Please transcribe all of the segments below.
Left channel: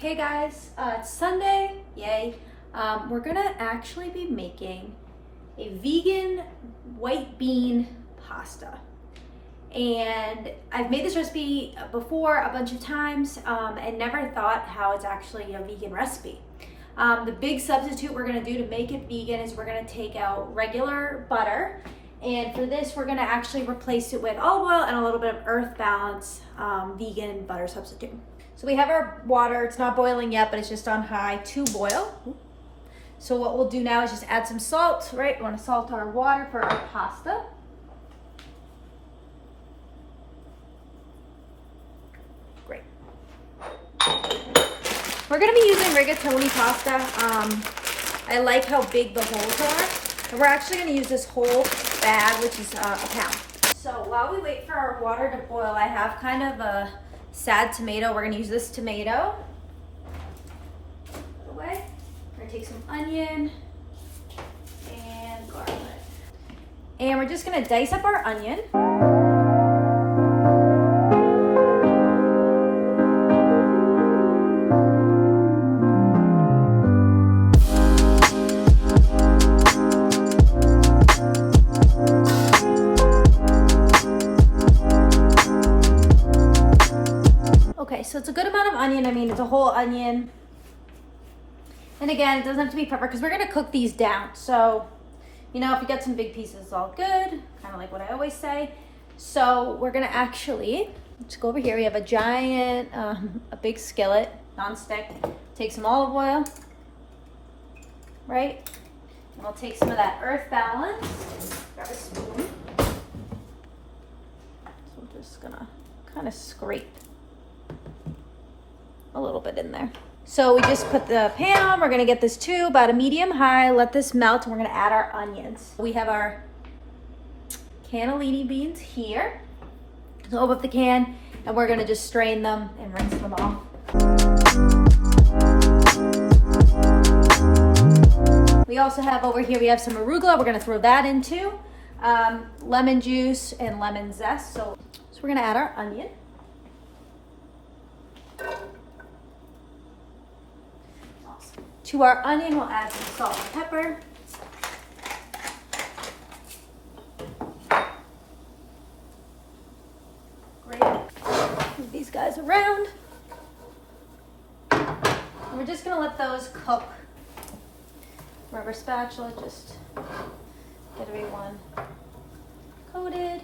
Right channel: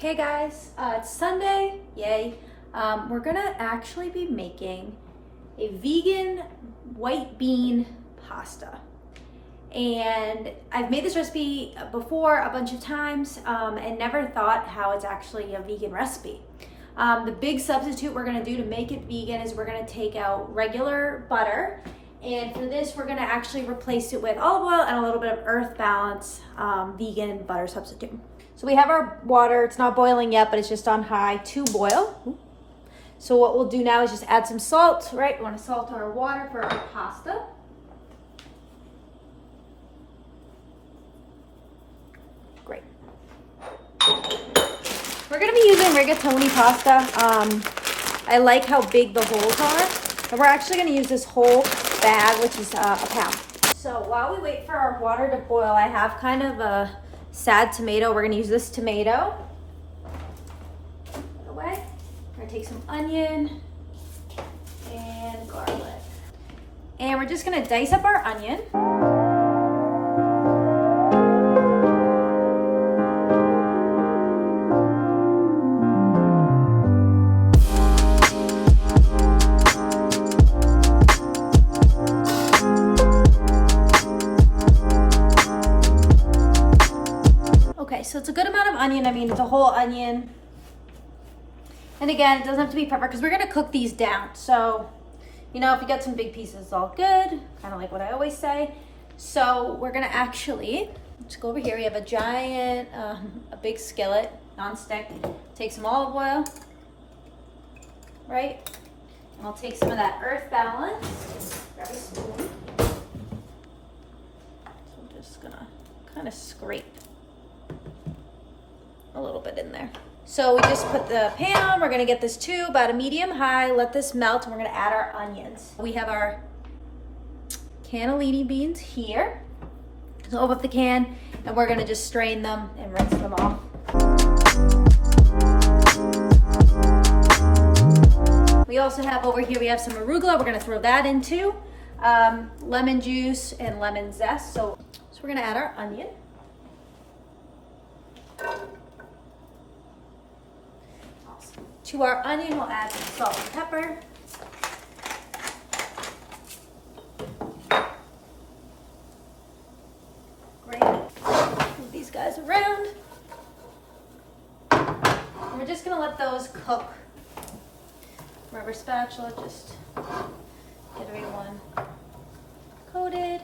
Hey guys, it's Sunday, yay. We're gonna actually be making a vegan white bean pasta. And I've made this recipe before a bunch of times and never thought how it's actually a vegan recipe. The big substitute we're gonna do to make it vegan is we're gonna take out regular butter. And for this, we're gonna actually replace it with olive oil and a little bit of Earth Balance vegan butter substitute. So we have our water, it's not boiling yet, but it's just on high to boil. So what we'll do now is just add some salt, right? We wanna salt our water for our pasta. Great. We're gonna be using rigatoni pasta. I like how big the holes are. So we're actually gonna use this whole bag, which is a pound. So while we wait for our water to boil, I have kind of a sad tomato. We're gonna use this tomato. Put it away. We're gonna take some onion and garlic. And we're just gonna dice up our onion. Okay, so it's a good amount of onion. I mean, it's a whole onion. And again, it doesn't have to be perfect because we're gonna cook these down. So, you know, if you get some big pieces, it's all good. Kind of like what I always say. So we're gonna actually, let's go over here. We have a giant, a big skillet, non-stick. Take some olive oil, right? And I'll take some of that Earth Balance. Grab a spoon. So we're just gonna kind of scrape a little bit in there. So we just put the pan on. We're gonna get this to about a medium high, let this melt, and we're gonna add our onions. We have our cannellini beans here. So open up the can, and we're gonna just strain them and rinse them off. We also have over here, we have some arugula. We're gonna throw that into lemon juice and lemon zest. So we're gonna add our onion. To our onion, we'll add some salt and pepper. Great. Move these guys around. And we're just gonna let those cook. Rubber spatula, just get everyone coated.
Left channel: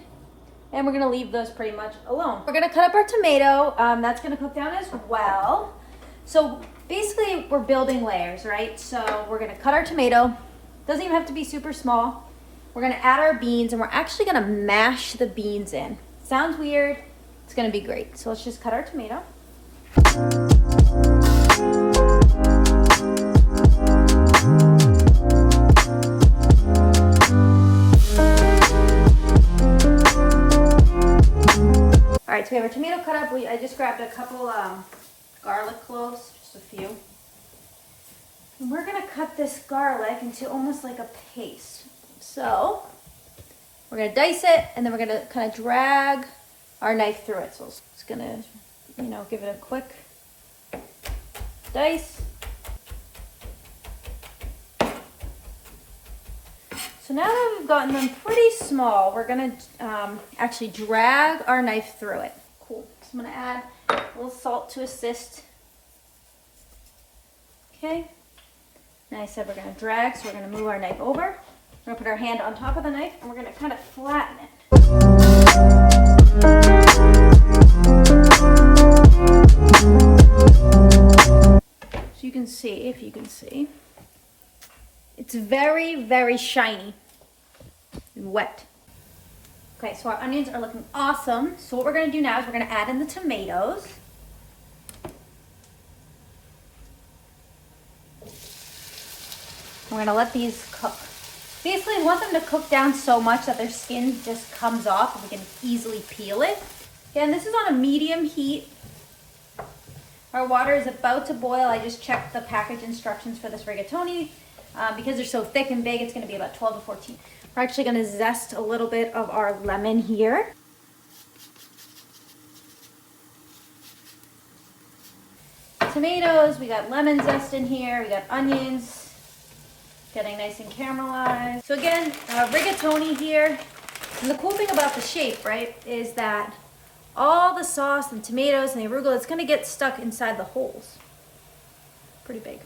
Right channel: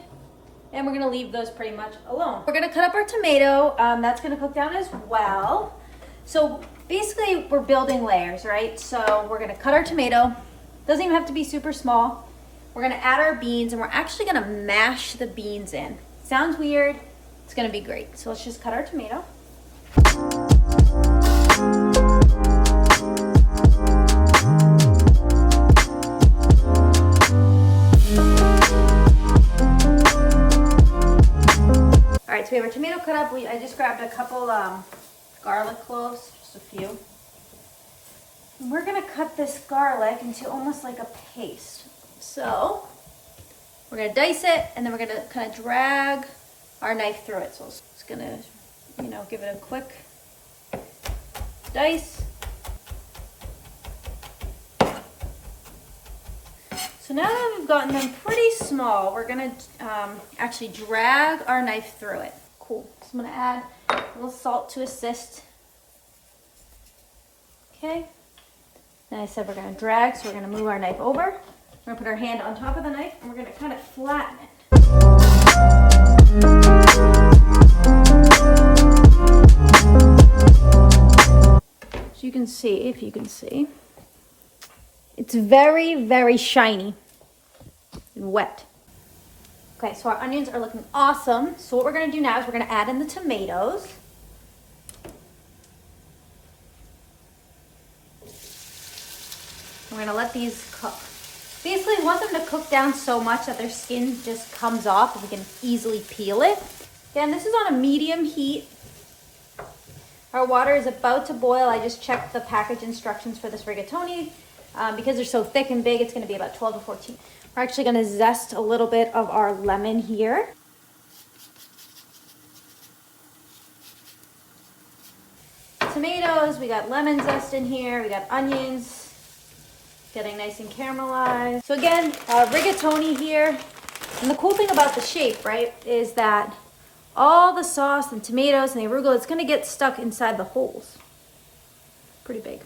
And we're gonna leave those pretty much alone. We're gonna cut up our tomato. That's gonna cook down as well. So basically we're building layers, right? So we're gonna cut our tomato. Doesn't even have to be super small. We're gonna add our beans and we're actually gonna mash the beans in. Sounds weird, it's gonna be great. So let's just cut our tomato. All right, so we have our tomato cut up. I just grabbed a couple garlic cloves, just a few. And we're gonna cut this garlic into almost like a paste. So we're gonna dice it and then we're gonna kind of drag our knife through it. So it's just gonna, you know, give it a quick dice. So now that we've gotten them pretty small, we're gonna actually drag our knife through it. Cool. So I'm gonna add a little salt to assist. Okay. Now I said we're gonna drag, so we're gonna move our knife over. We're gonna put our hand on top of the knife and we're gonna kind of flatten it. So you can see, if you can see, it's very, very shiny and wet. Okay, so our onions are looking awesome. So what we're gonna do now is we're gonna add in the tomatoes. We're gonna let these cook. Basically, we want them to cook down so much that their skin just comes off and we can easily peel it. Again, this is on a medium heat. Our water is about to boil. I just checked the package instructions for this rigatoni. Because they're so thick and big, it's gonna be about 12 to 14. We're actually gonna zest a little bit of our lemon here. So tomatoes, we got lemon zest in here, we got onions, getting nice and caramelized. So again, rigatoni here. And the cool thing about the shape, right, is that all the sauce and tomatoes and the arugula, it's gonna get stuck inside the holes. Pretty big.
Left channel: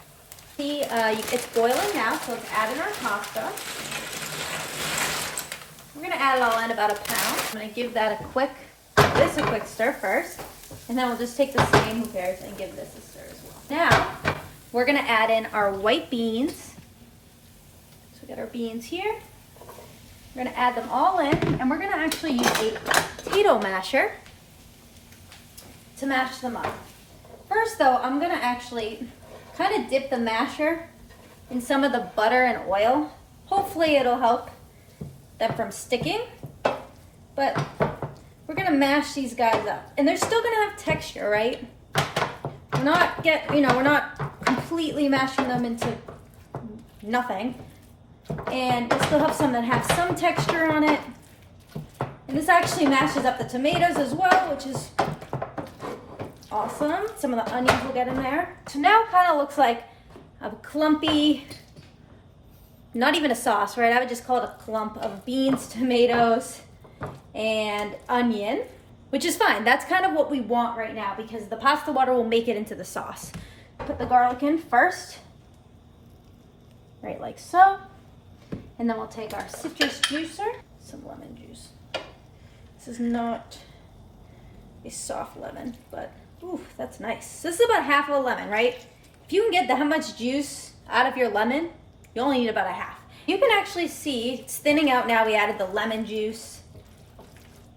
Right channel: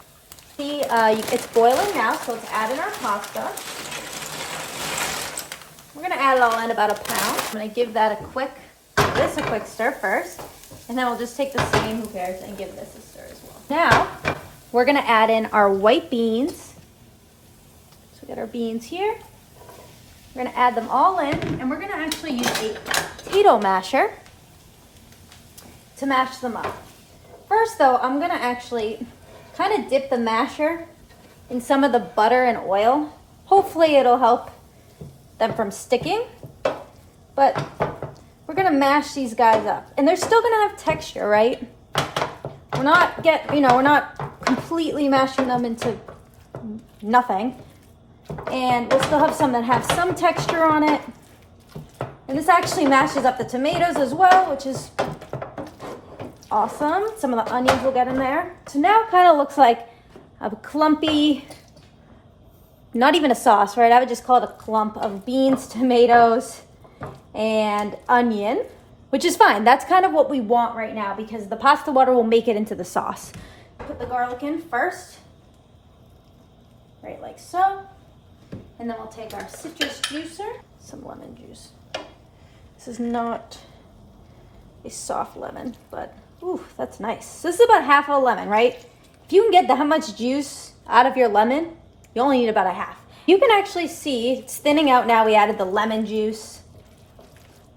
See, it's boiling now, so let's add in our pasta. We're gonna add it all in about a pound. I'm gonna give that a quick stir first, and then we'll just take the same, who cares, and give this a stir as well. Now, we're gonna add in our white beans. So get our beans here. We're gonna add them all in, and we're gonna actually use a potato masher to mash them up. First though, I'm gonna actually kind of dip the masher in some of the butter and oil. Hopefully it'll help them from sticking, but we're gonna mash these guys up. And they're still gonna have texture, right? We're not completely mashing them into nothing. And we'll still have some that have some texture on it. And this actually mashes up the tomatoes as well, which is awesome. Some of the onions will get in there. So now it kind of looks like a clumpy, not even a sauce, right? I would just call it a clump of beans, tomatoes, and onion, which is fine. That's kind of what we want right now because the pasta water will make it into the sauce. Put the garlic in first, right like so. And then we'll take our citrus juicer, some lemon juice. This is not a soft lemon, but ooh, that's nice. So this is about half of a lemon, right? If you can get that much juice out of your lemon, you only need about a half. You can actually see it's thinning out now. We added the lemon juice.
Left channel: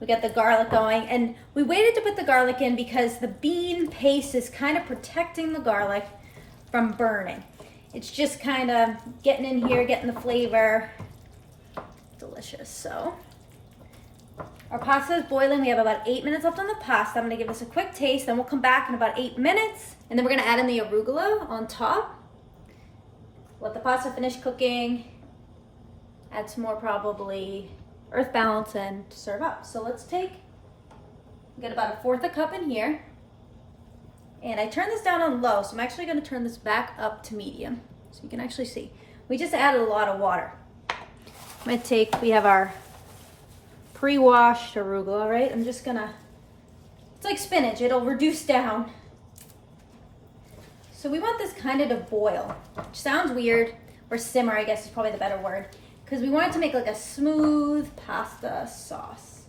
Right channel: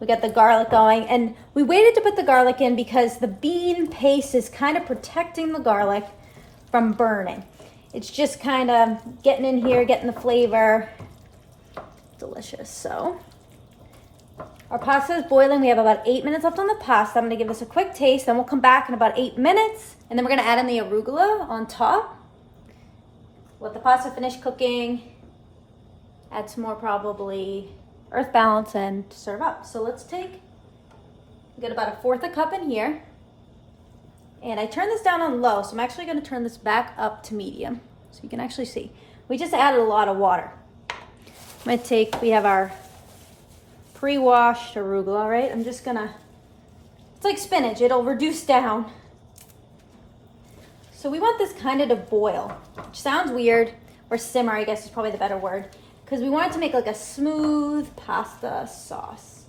We got the garlic going, and we waited to put the garlic in because the bean paste is kind of protecting the garlic from burning. It's just kind of getting in here, getting the flavor. Delicious. So our pasta is boiling. We have about 8 minutes left on the pasta. I'm gonna give this a quick taste, then we'll come back in about 8 minutes, and then we're gonna add in the arugula on top. Let the pasta finish cooking. Add some more probably earth balance and serve up. So let's we got about a fourth a cup in here. And I turned this down on low, so I'm actually gonna turn this back up to medium. So you can actually see. We just added a lot of water. We have our pre-washed arugula, right? It's like spinach, it'll reduce down. So we want this kind of to boil, which sounds weird, or simmer, I guess is probably the better word, because we want it to make like a smooth pasta sauce,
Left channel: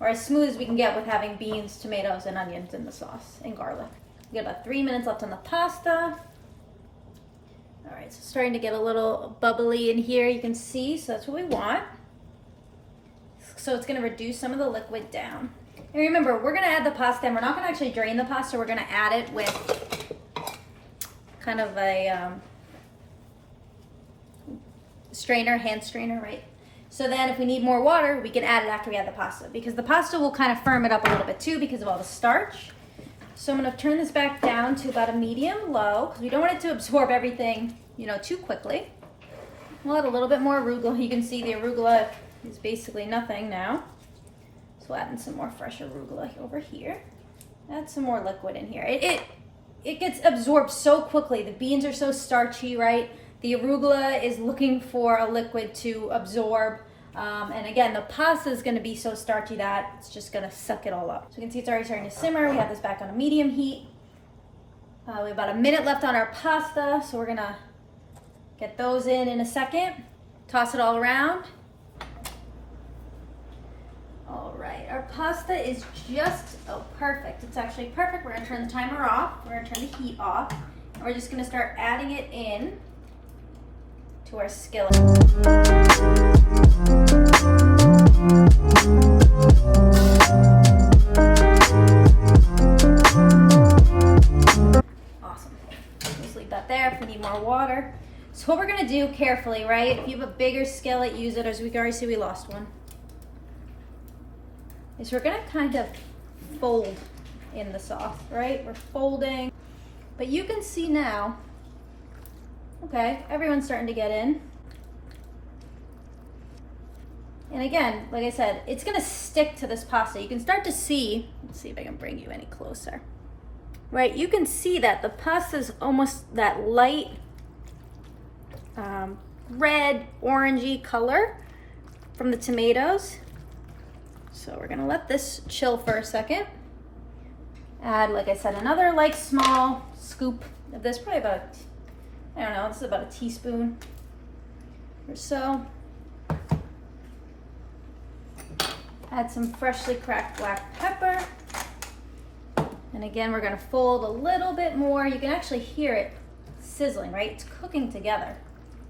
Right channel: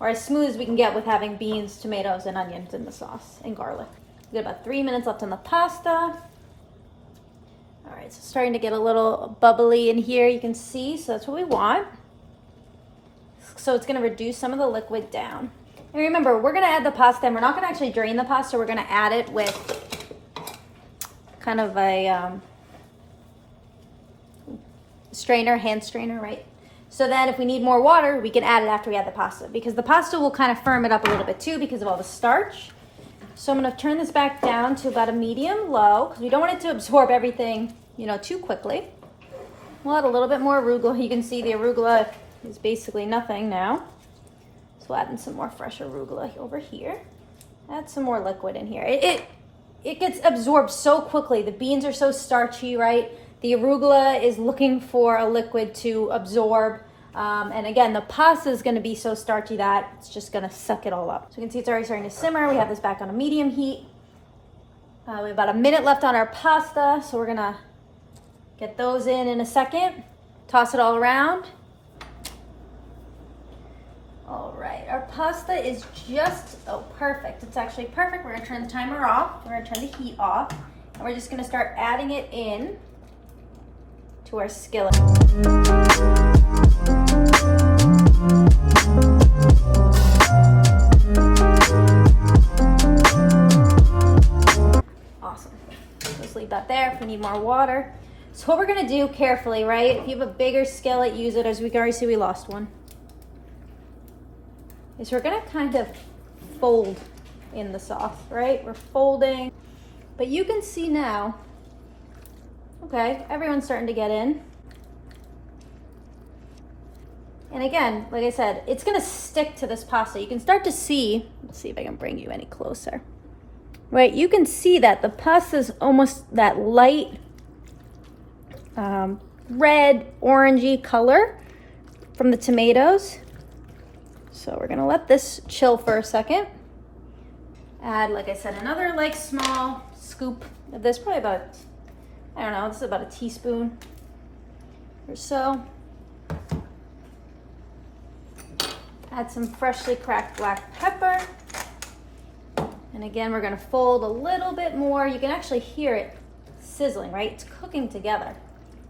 or as smooth as we can get with having beans, tomatoes, and onions in the sauce, and garlic. We got about 3 minutes left on the pasta. All right, so starting to get a little bubbly in here, you can see, so that's what we want. So it's gonna reduce some of the liquid down. And remember, we're gonna add the pasta, and we're not gonna actually drain the pasta, we're gonna add it with kind of a hand strainer, right? So then if we need more water, we can add it after we add the pasta, because the pasta will kind of firm it up a little bit too because of all the starch. So I'm gonna turn this back down to about a medium low, because we don't want it to absorb everything, too quickly. We'll add a little bit more arugula. You can see the arugula is basically nothing now. So we'll add in some more fresh arugula over here. Add some more liquid in here. It gets absorbed so quickly. The beans are so starchy, right? The arugula is looking for a liquid to absorb. And again, the pasta is going to be so starchy that it's just going to suck it all up. So you can see it's already starting to simmer. We have this back on a medium heat. We have about a minute left on our pasta, so we're going to get those in a second. Toss it all around. All right, our pasta is perfect. It's actually perfect. We're going to turn the timer off. We're going to turn the heat off. And we're just going to start adding it in to our skillet. Awesome. Just leave that there if we need more water. So what we're gonna do carefully, right? If you have a bigger skillet, use it. As we can already see, we lost one. Is we're gonna kind of fold in the sauce, right? We're folding, but you can see now, okay, everyone's starting to get in. And again, like I said, it's gonna stick to this pasta. You can start to see, let's see if I can bring you any closer. right, you can see that the pasta is almost that light red, orangey color from the tomatoes. So we're gonna let this chill for a second. Add, like I said, another like small scoop of this, probably about, I don't know, this is about a teaspoon or so. Add some freshly cracked black pepper. And again, we're gonna fold a little bit more. You can actually hear it sizzling, right? It's cooking together,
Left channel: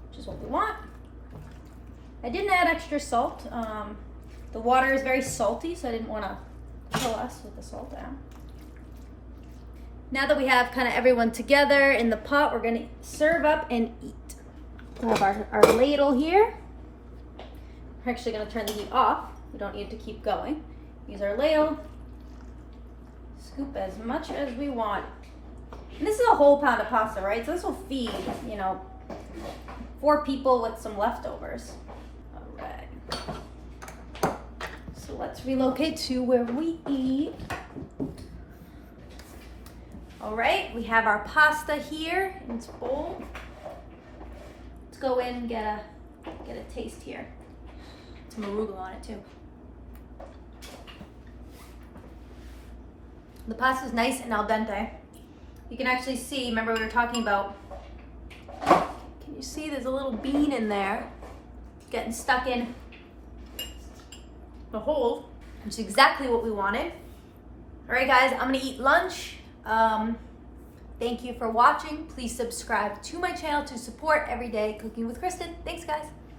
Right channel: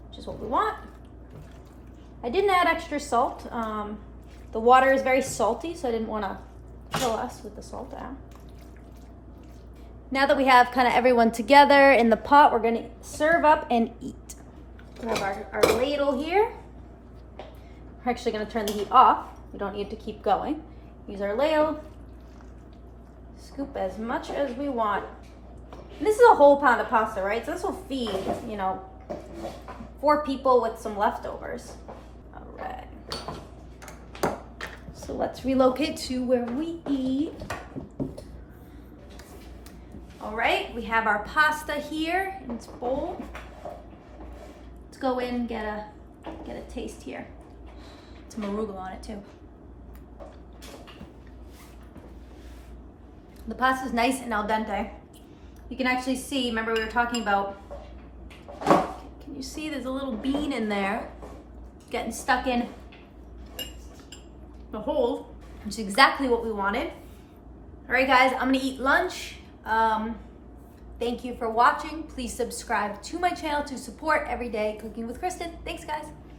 which is what we want. I didn't add extra salt. The water is very salty, so I didn't wanna kill us with the salt out. Now that we have kind of everyone together in the pot, we're gonna serve up and eat. We have our ladle here. We're actually gonna turn the heat off. We don't need to keep going. Use our ladle. Scoop as much as we want. And this is a whole pound of pasta, right? So this will feed, 4 people with some leftovers. All right. So let's relocate to where we eat. All right, we have our pasta here in its bowl. Let's go in and get a taste here. Some arugula on it too. The pasta is nice and al dente. You can actually see, remember we were talking about, can you see there's a little bean in there getting stuck in the hole, which is exactly what we wanted. All right, guys, I'm gonna eat lunch. Thank you for watching. Please subscribe to my channel to support Everyday Cooking with Kristen. Thanks, guys.